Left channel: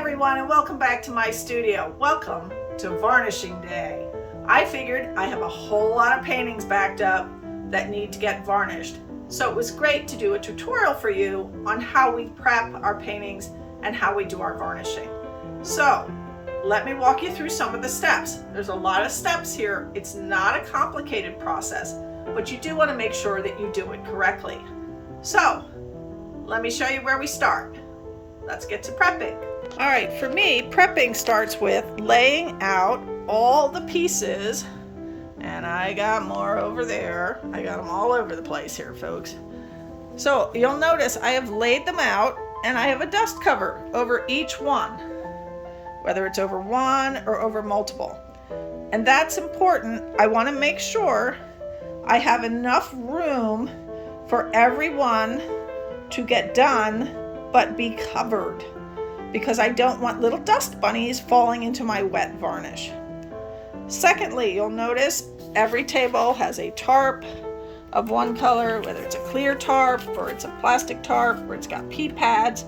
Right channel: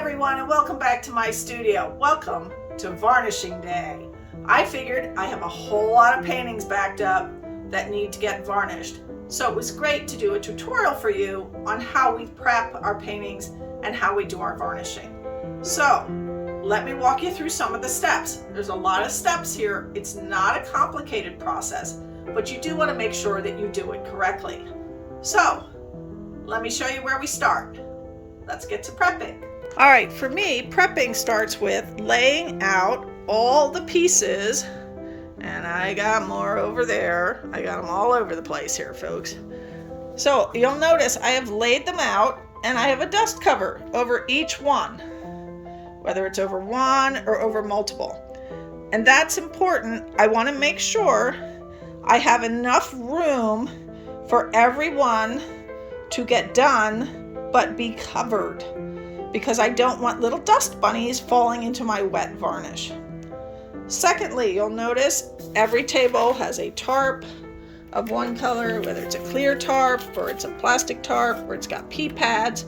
everyone, and welcome back to my studio. Welcome to varnishing day. I figured I have a whole lot of paintings backed up that need to get varnished. So it was great to do a tutorial for you on how we prep our paintings and how we do our varnishing. So let me walk you through some of the steps. There's a lot of steps here. It's not a complicated process, but you do want to make sure that you do it correctly. So let me show you where we start. Let's get to prepping. All right, for me, prepping starts with laying out all the pieces, and I got more over there. I got them all over the place here, folks. So you'll notice I have laid them out, and I have a dust cover over each one, whether it's over one or over multiple. And that's important. I want to make sure I have enough room for everyone to get done but be covered, because I don't want little dust bunnies falling into my wet varnish. Secondly, you'll notice every table has a tarp of one color, whether it's a clear tarp or it's a plastic tarp or it's got pea pads,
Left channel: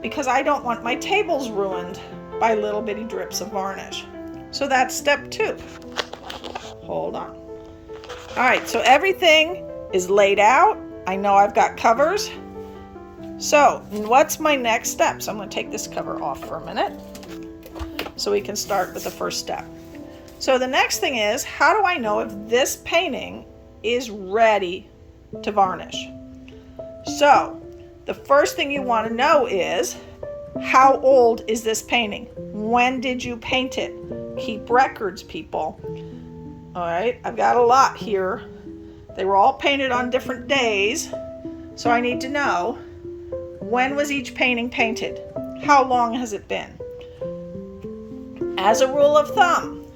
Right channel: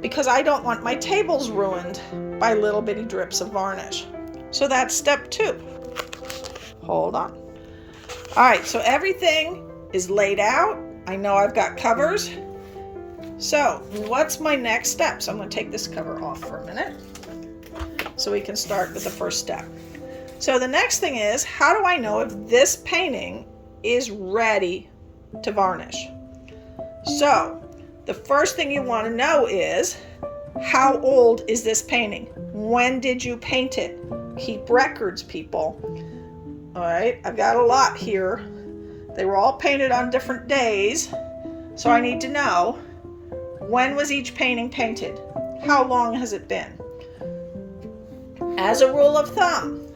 because I don't want my tables ruined by little bitty drips of varnish. So that's step 2. Hold on. All right, so everything is laid out. I know I've got covers. So what's my next step? So I'm going to take this cover off for a minute so we can start with the first step. So the next thing is, how do I know if this painting is ready to varnish? So the first thing you want to know is, how old is this painting? When did you paint it? Keep records, people. All right, I've got a lot here. They were all painted on different days, so I need to know, when was each painting painted? How long has it been? As a rule of thumb,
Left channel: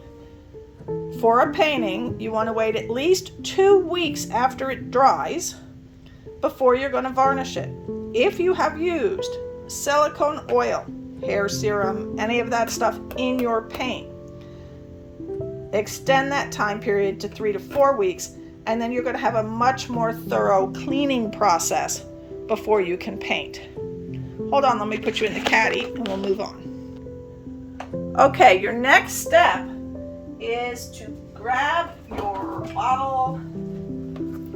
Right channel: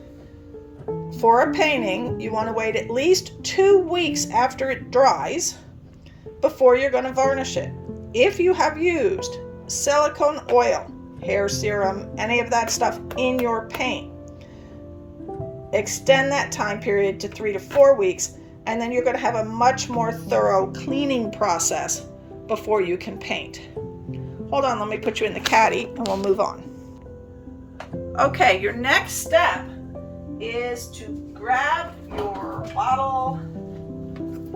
for a painting, you want to wait at least 2 weeks after it dries before you're going to varnish it. If you have used silicone oil, hair serum, any of that stuff in your paint, extend that time period to 3 to 4 weeks, and then you're going to have a much more thorough cleaning process before you can paint. Hold on, let me put you in the caddy and we'll move on. Okay, your next step is to grab your bottle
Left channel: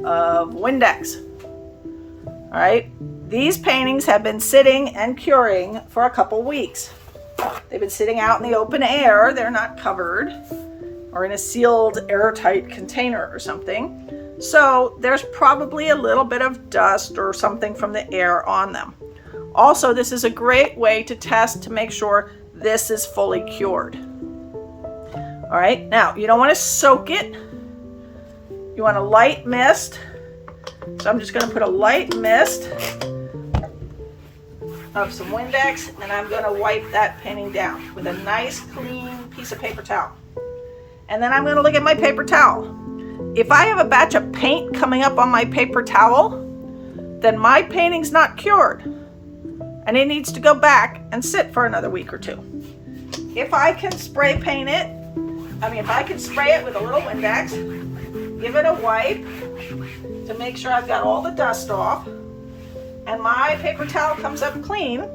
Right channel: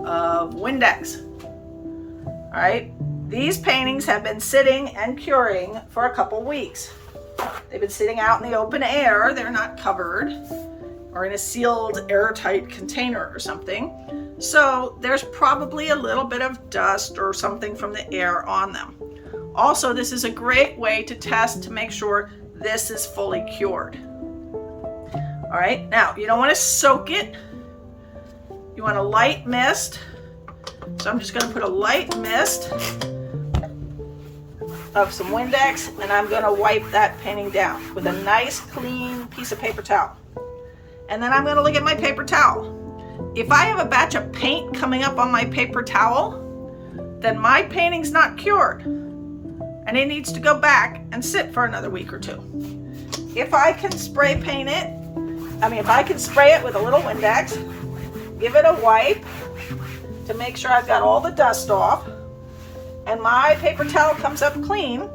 of Windex. All right, these paintings have been sitting and curing for a couple weeks. They've been sitting out in the open air. They're not covered or in a sealed airtight container or something. So there's probably a little bit of dust or something from the air on them. Also, this is a great way to test to make sure this is fully cured. All right, now you don't want to soak it. You want a light mist. So I'm just going to put a light mist of some Windex, and I'm going to wipe that painting down with a nice clean piece of paper towel. And then I'm going to look at my paper towel. If I have a batch of paint coming up on my paper towel, then my painting's not cured, and it needs to go back and sit for another week or 2. If I can spray paint it, if I can spray it with a little Windex, give it a wipe to make sure I've got all the dust off, and my paper towel comes up clean,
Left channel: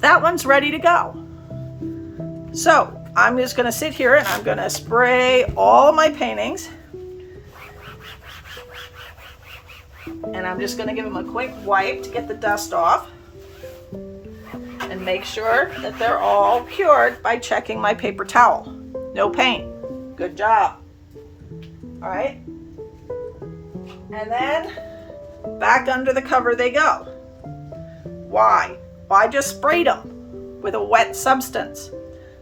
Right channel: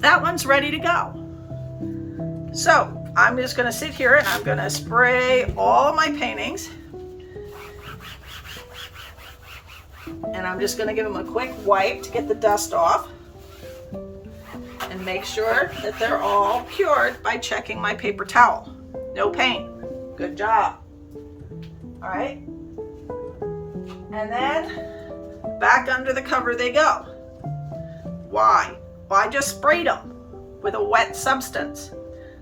that one's ready to go. So I'm just going to sit here and I'm going to spray all my paintings. And I'm just going to give them a quick wipe to get the dust off. And make sure that they're all cured by checking my paper towel. No paint. Good job. All right. And then back under the cover they go. Why? Well, I just sprayed them with a wet substance.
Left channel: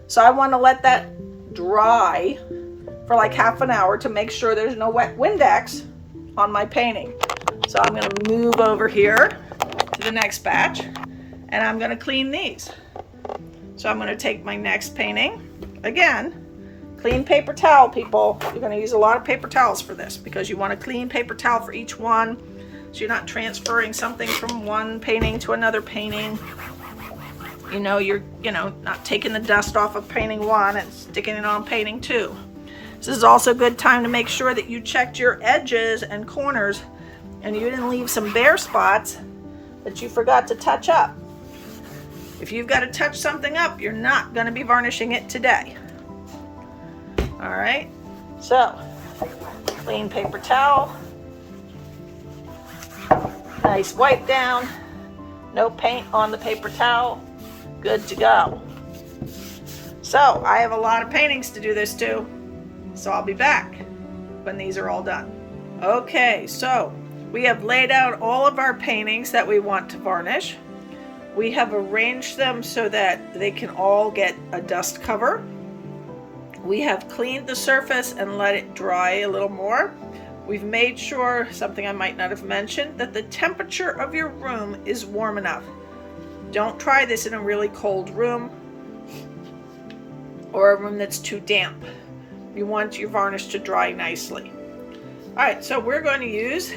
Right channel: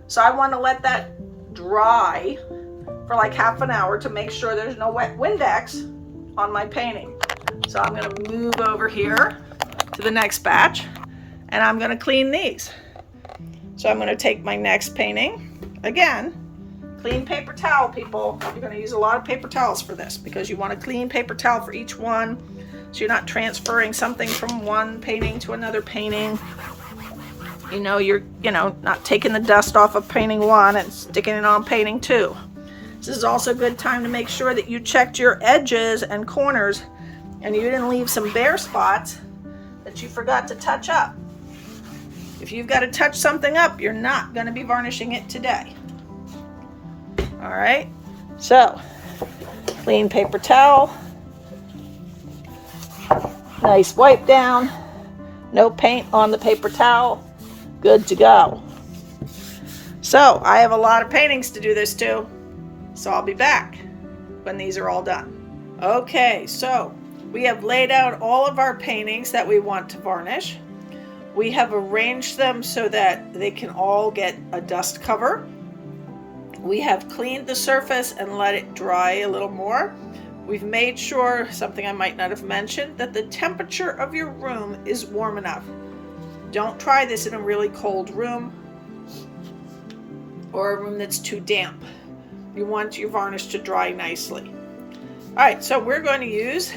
So I want to let that dry for like half an hour to make sure there's no wet Windex on my painting. So I'm going to move over here to the next batch, and I'm going to clean these. So I'm going to take my next painting. Again, clean paper towel, people. You're going to use a lot of paper towels for this, because you want a clean paper towel for each one, so you're not transferring something from one painting to another painting. You're not taking the dust off of painting 1 and sticking it on painting 2. This is also a good time to make sure that you checked your edges and corners and you didn't leave some bare spots that you forgot to touch up. If you've got to touch something up, you're not going to be varnishing it today. All right, so clean paper towel, nice wipe down, no paint on the paper towel, good to go. So I have a lot of paintings to do this too, so I'll be back when these are all done. Okay, so we have laid out all of our paintings that we want to varnish. We have arranged them so that they can all get a dust cover. We have cleaned the surface and let it dry a little more. We've made sure, something I might not have mentioned, that the temperature of your room is warm enough. Don't try this in a really cold room or a room that's too damp. You want your varnish to dry nicely. All right, so we're going to use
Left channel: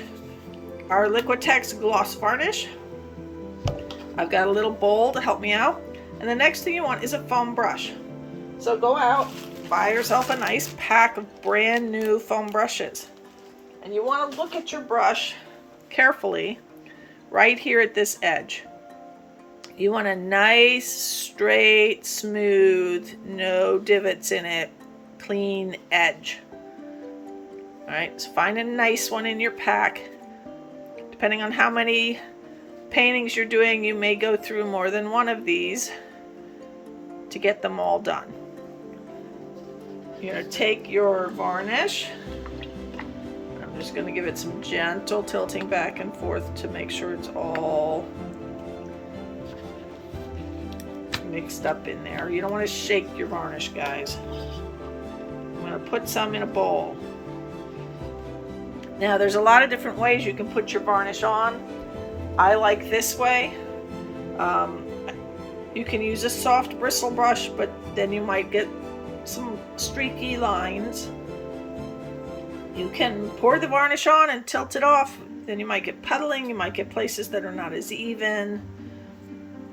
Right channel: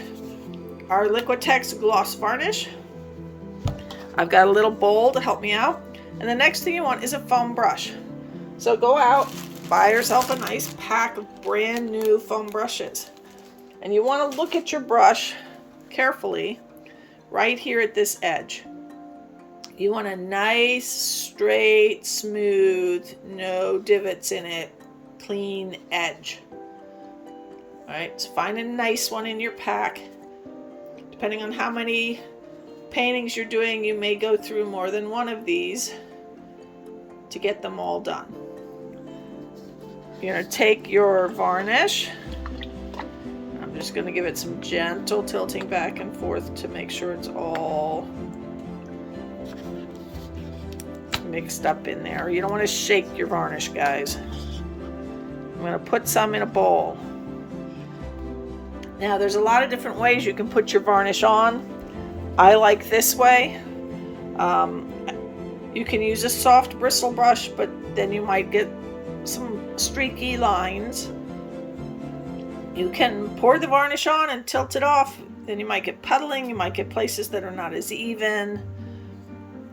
our Liquitex Gloss Varnish. I've got a little bowl to help me out. And the next thing you want is a foam brush. So go out, buy yourself a nice pack of brand new foam brushes. And you want to look at your brush carefully right here at this edge. You want a nice, straight, smooth, no divots in it, clean edge. All right, so find a nice one in your pack. Depending on how many paintings you're doing, you may go through more than one of these to get them all done. You're going to take your varnish. I'm just going to give it some gentle tilting back and forth to make sure it's all mixed up in there. You don't want to shake your varnish, guys. I'm going to put some in a bowl. Now, there's a lot of different ways you can put your varnish on. I like this way. You can use a soft bristle brush, but then you might get some streaky lines. You can pour the varnish on and tilt it off. Then you might get puddling. You might get places that are not as even.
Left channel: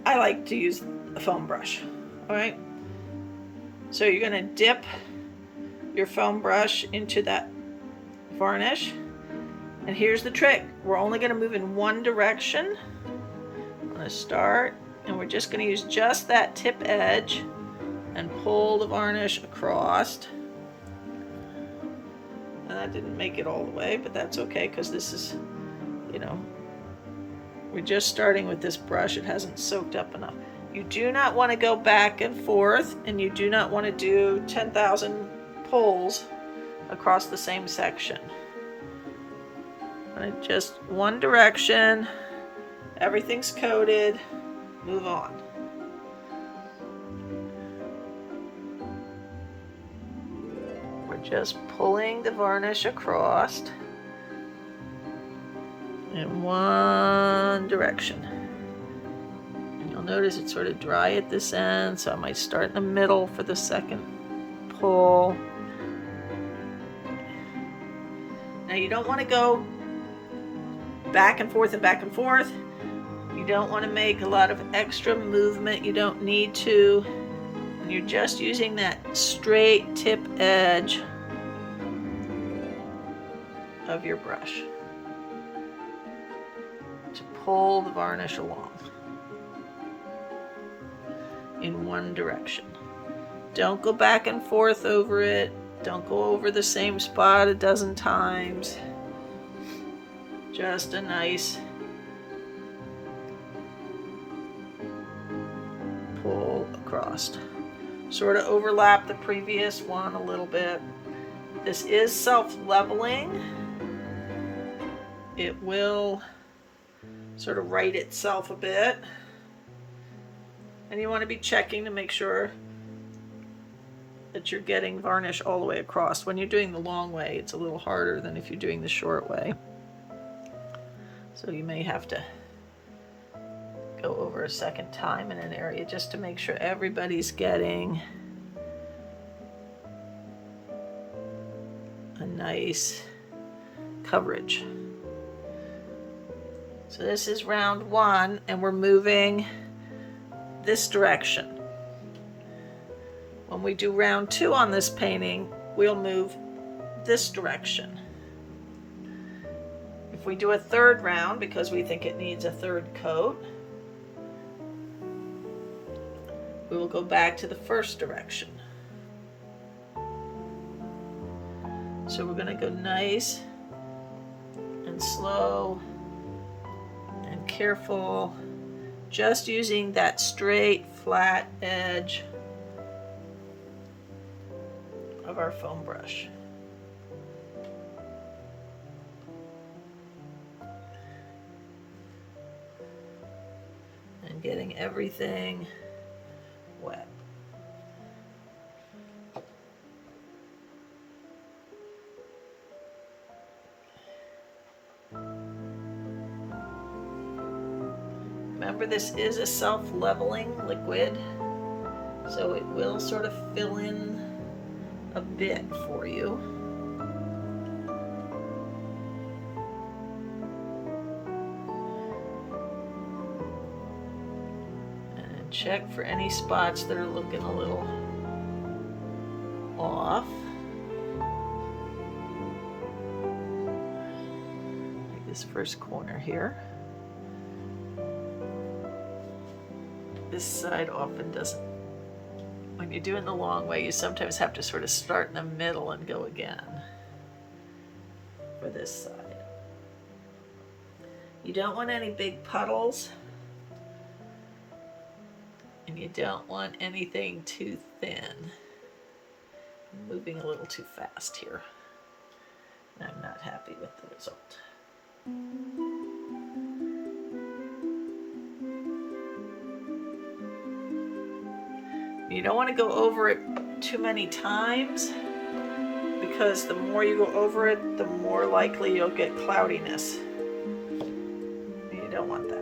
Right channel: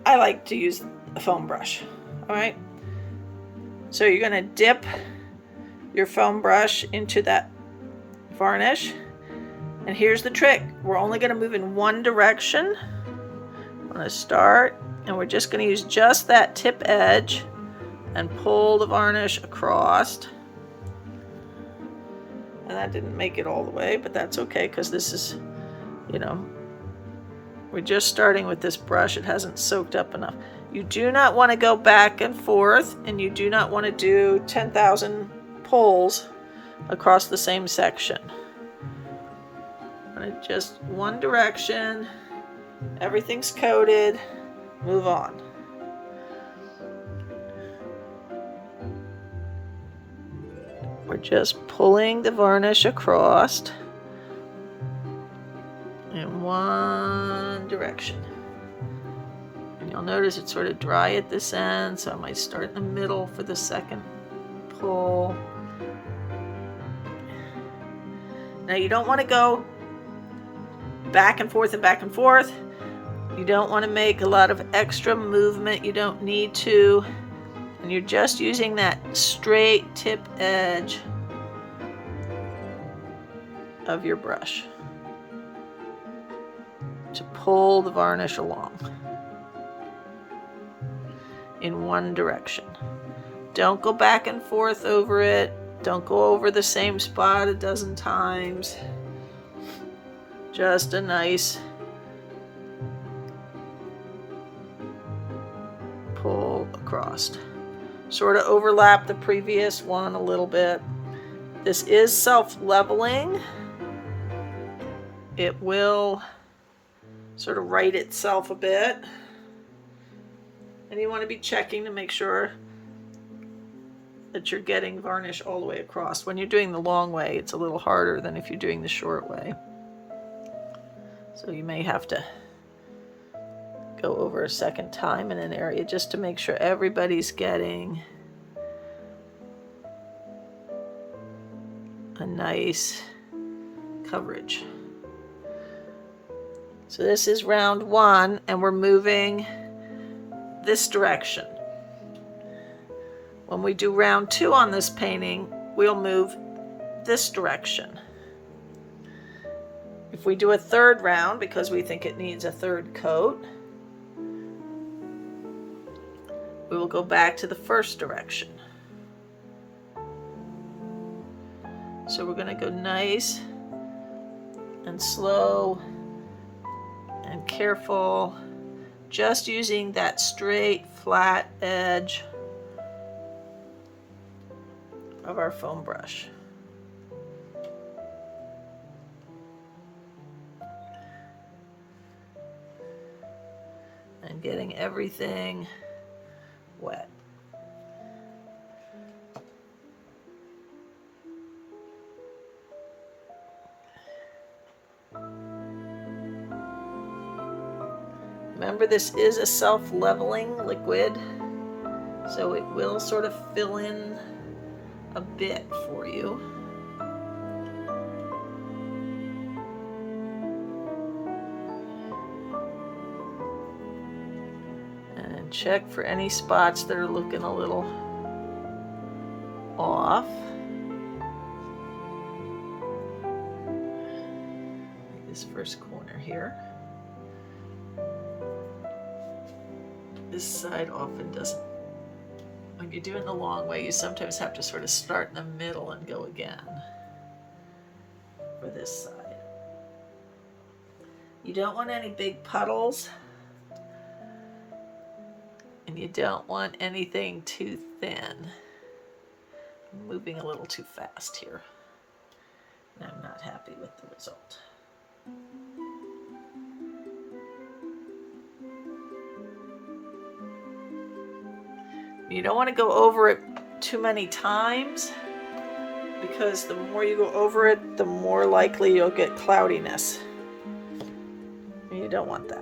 I like to use a foam brush. All right. So you're going to dip your foam brush into that varnish. And here's the trick. We're only going to move in one direction. I'm going to start, and we're just going to use just that tip edge and pull the varnish across. And that didn't make it all the way, but that's okay, because this is, we're just starting with this brush. It hasn't soaked up enough. You do not want to go back and forth, and you do not want to do 10,000 pulls across the same section. Just one direction, everything's coated, move on. We're just pulling the varnish across in one direction. And you'll notice it's sort of dry at this end, so I might start in the middle for the second pull. Now you don't want to go back and forth and back and forth. You don't want to make a lot of extra movement. You don't need to. And you're just using that straight tip edge of your brush to pull the varnish along in one direction. Don't go back and forth over it. Don't go over the same spot a dozen times. Just a nice pull across. Sort of overlap the previous one a little bit. This is self-leveling. It will sort of right itself a bit. And you want to be checking to make sure that you're getting varnish all the way across. When you're doing the long way, it's a little harder than if you're doing the short way. So you may have to go over a second time in an area just to make sure everybody's getting a nice coverage. So this is round one, and we're moving this direction. When we do round two on this painting, we'll move this direction. If we do a third round, because we think it needs a third coat, we will go back to the first direction. So we're going to go nice and slow and careful, just using that straight, flat edge of our foam brush. And getting everything wet. Remember, this is a self-leveling liquid, so it will sort of fill in a bit for you. And check for any spots that are looking a little off. Like this first corner here. This side often doesn't. When you're doing the long way, you sometimes have to sort of start in the middle and go again for this side. You don't want any big puddles, and you don't want anything too thin. I'm moving a little too fast here. I'm not happy with the result. You don't want to go over it too many times, because the more you go over it, the more likely you'll get cloudiness. You don't want that.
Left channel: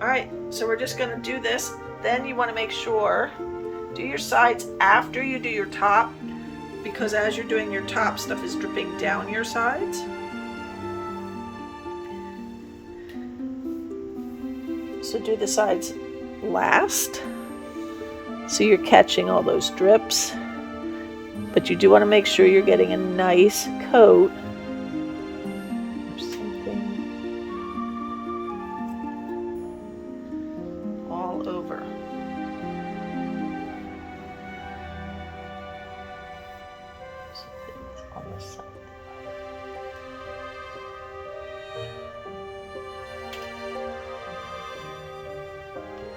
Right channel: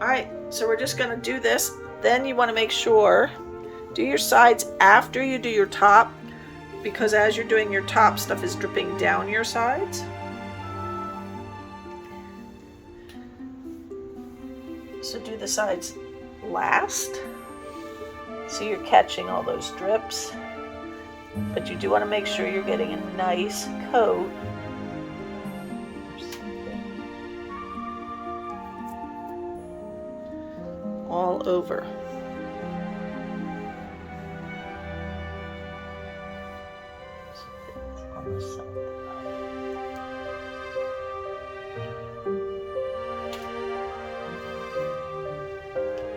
All right, so we're just going to do this. Then you want to make sure, do your sides after you do your top, because as you're doing your top, stuff is dripping down your sides. So do the sides last, so you're catching all those drips, but you do want to make sure you're getting a nice coat all over. On the side.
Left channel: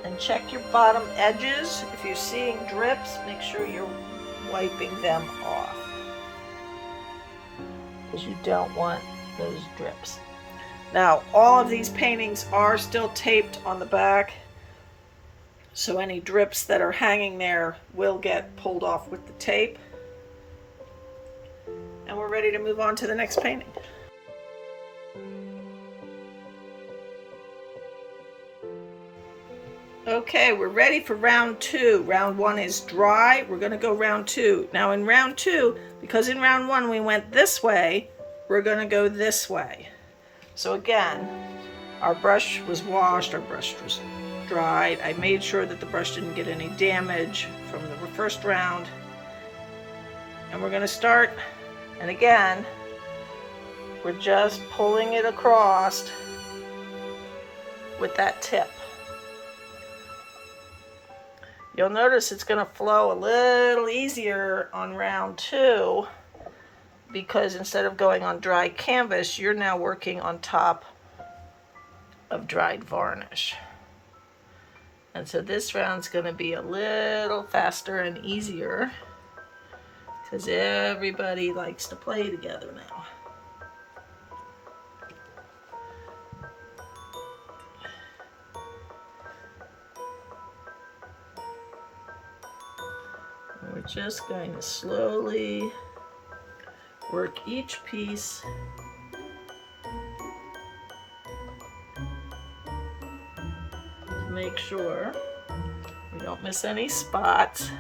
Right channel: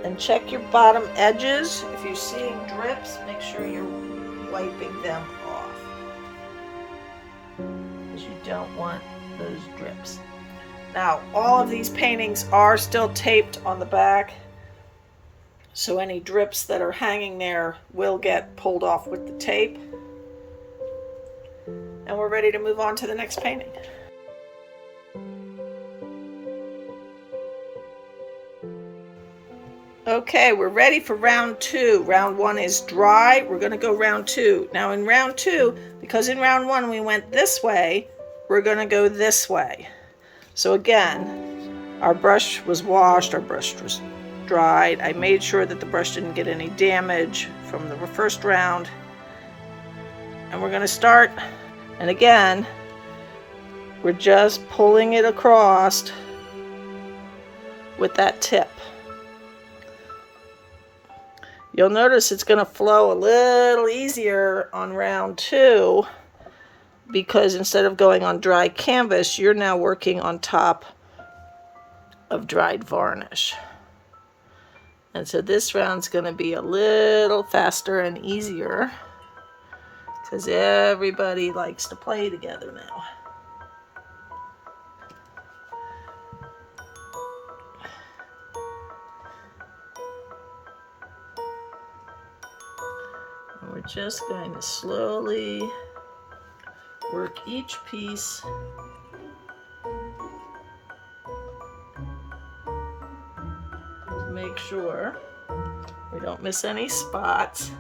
And check your bottom edges. If you're seeing drips, make sure you're wiping them off, because you don't want those drips. Now, all of these paintings are still taped on the back, so any drips that are hanging there will get pulled off with the tape. And we're ready to move on to the next painting. Okay, we're ready for round two. Round one is dry. We're going to go round two. Now in round two, because in round one we went this way, we're going to go this way. So again, our brush was washed, our brush was dried. I made sure that the brush didn't get any damage from the first round. And we're going to start, and again, we're just pulling it across with that tip. You'll notice it's going to flow a little easier on round two, because instead of going on dry canvas, you're now working on top of dried varnish. And so this round's going to be a little faster and easier, because everybody likes to play together now. We're just going to slowly work each piece to make sure we don't miss any spots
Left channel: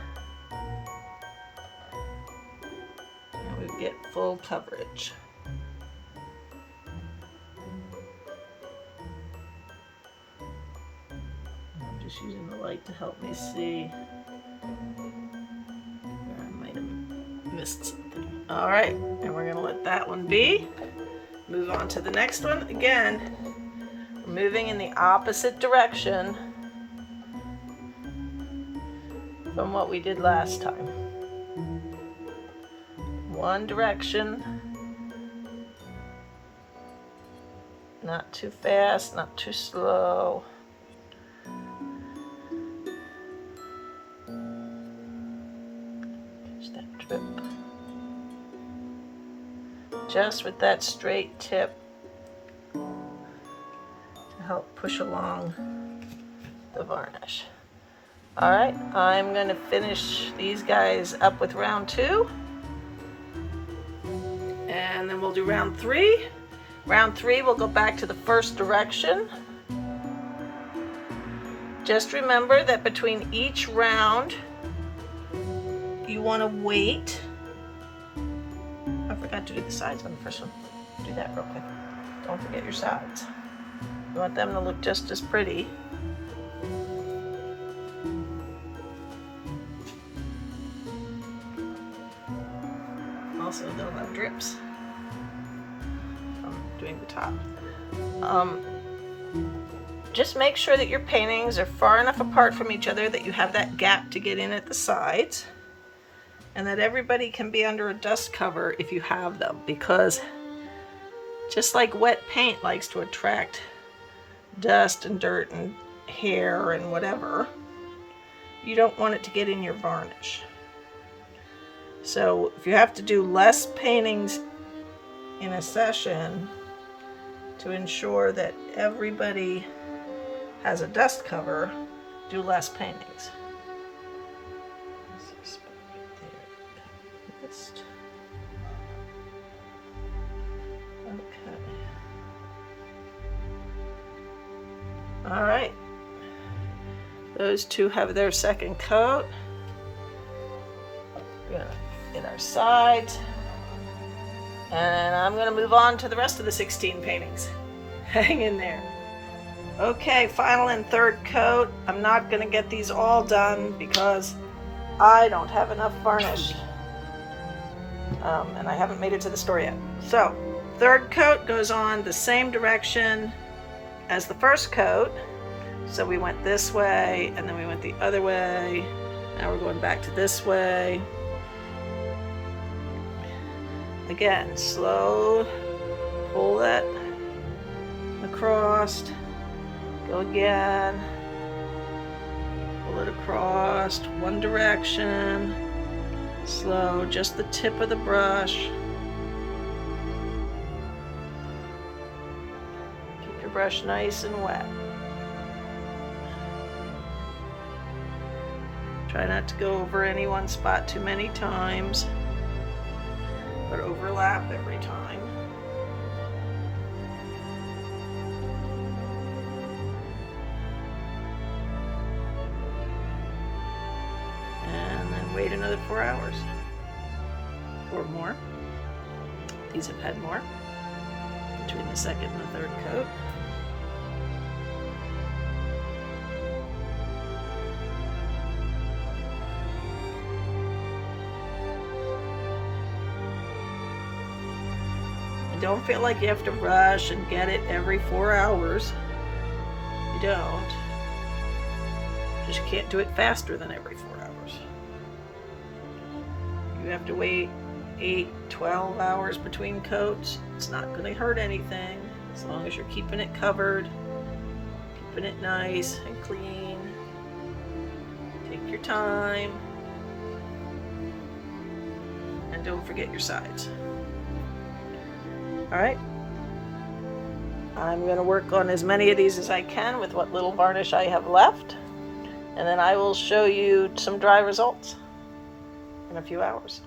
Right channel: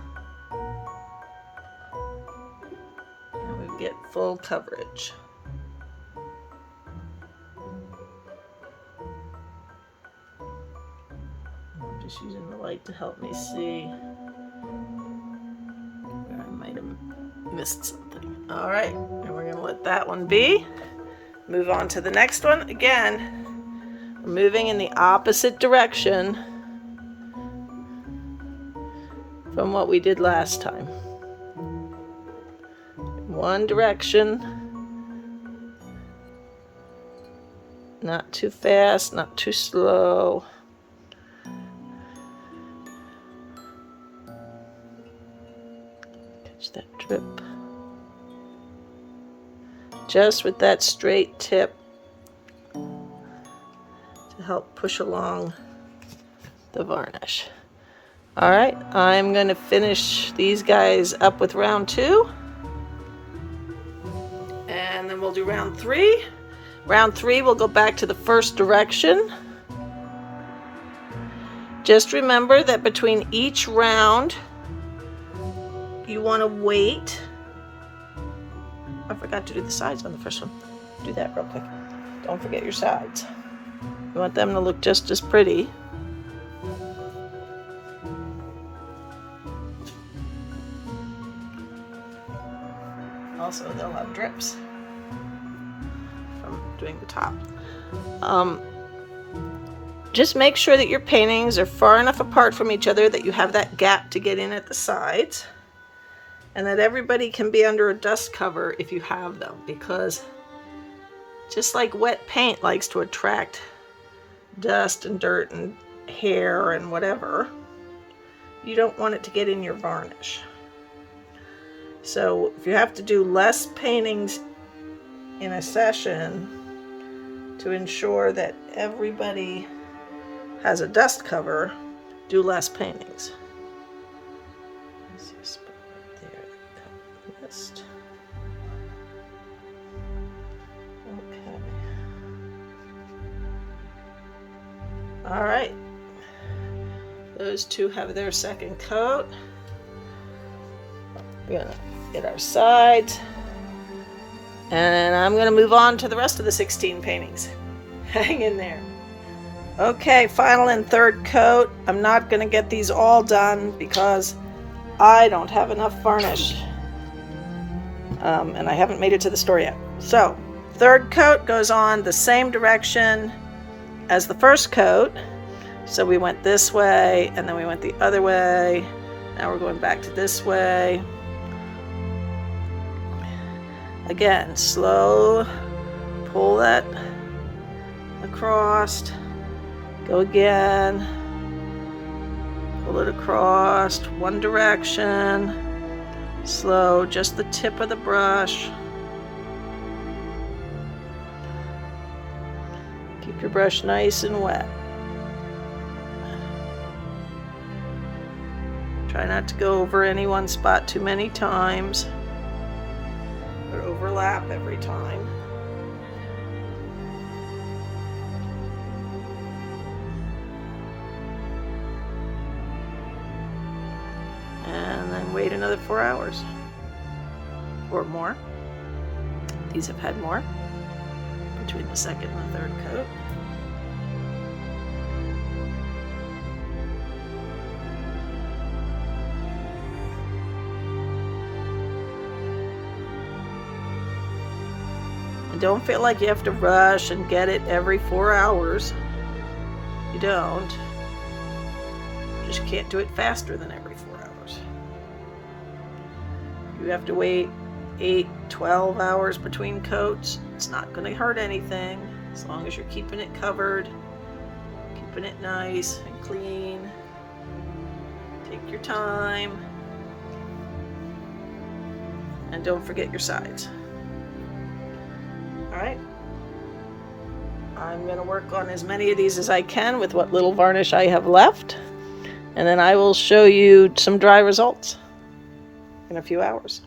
and we get full coverage. I'm just using the light to help me see. Missed something. All right, and we're going to let that one be. move on to the next one. Again, moving in the opposite direction from what we did last time. One direction. Not too fast, not too slow. Catch that drip. Just with that straight tip to help push along the varnish. All right, I'm going to finish these guys up with round 2. And then we'll do round 3. Round 3, we'll go back to the first direction. Just remember that between each round, you want to wait. I forgot to do the sides on the first one. Do that real quick. Don't forget your sides. You want them to look just as pretty. Also, they'll have drips from doing the top. Just make sure that your paintings are far enough apart from each other that you have that gap to get in at the sides, and that everybody can be under a dust cover if you have them, because just like wet paint likes to attract dust and dirt and hair and whatever, you don't want it to get in your varnish. So if you have to do less paintings in a session to ensure that everybody has a dust cover, do less paintings. Okay. All right. Those two have their second coat. We're gonna get our sides. And I'm gonna move on to the rest of the 16 paintings. Hang in there. Okay, final and third coat. I'm not gonna get these all done because I don't have enough varnish. And I haven't made it to the store yet. So, third coat goes on the same direction as the first coat. So we went this way, and then we went the other way. Now we're going back to this way. Again, slow, pull that across, go again, pull it across, one direction, slow, just the tip of the brush. Keep your brush nice and wet. Try not to go over any one spot too many times, but overlap every time. And then wait another 4 hours or more. These have had more between the second and the third coat. Don't feel like you have to rush and get it every 4 hours. You don't. You just can't do it faster than every 4 hours. You have to wait 8, 12 hours between coats. It's not going to hurt anything as long as you're keeping it covered, keeping it nice and clean. Take your time. And don't forget your sides. Alright, I'm going to work on as many of these as I can with what little varnish I have left, and then I will show you some dry results in a few hours.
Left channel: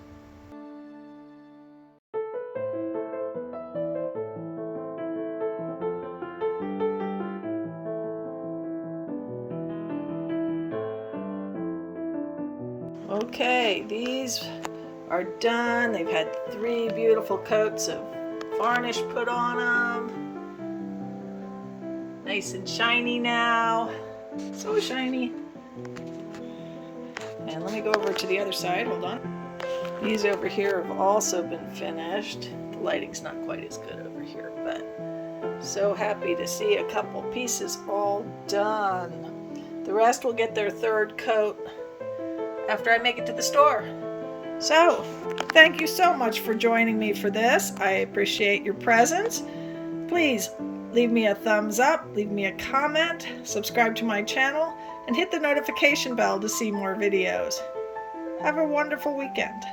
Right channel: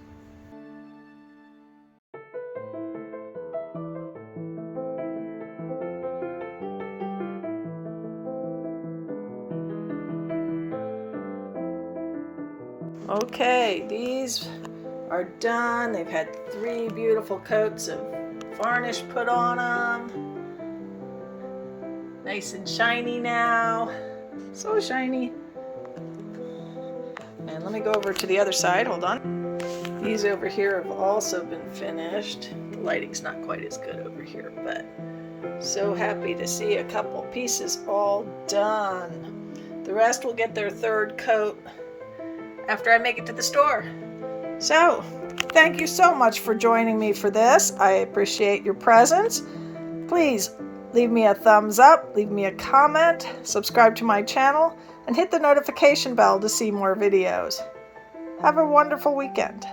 Okay, these are done. They've had 3 beautiful coats of varnish put on them. Nice and shiny now. So shiny. And let me go over to the other side. Hold on. These over here have also been finished. The lighting's not quite as good over here, but so happy to see a couple pieces all done. The rest will get their third coat after I make it to the store. So, thank you so much for joining me for this. I appreciate your presence. Please leave me a thumbs up, leave me a comment, subscribe to my channel, and hit the notification bell to see more videos. Have a wonderful weekend.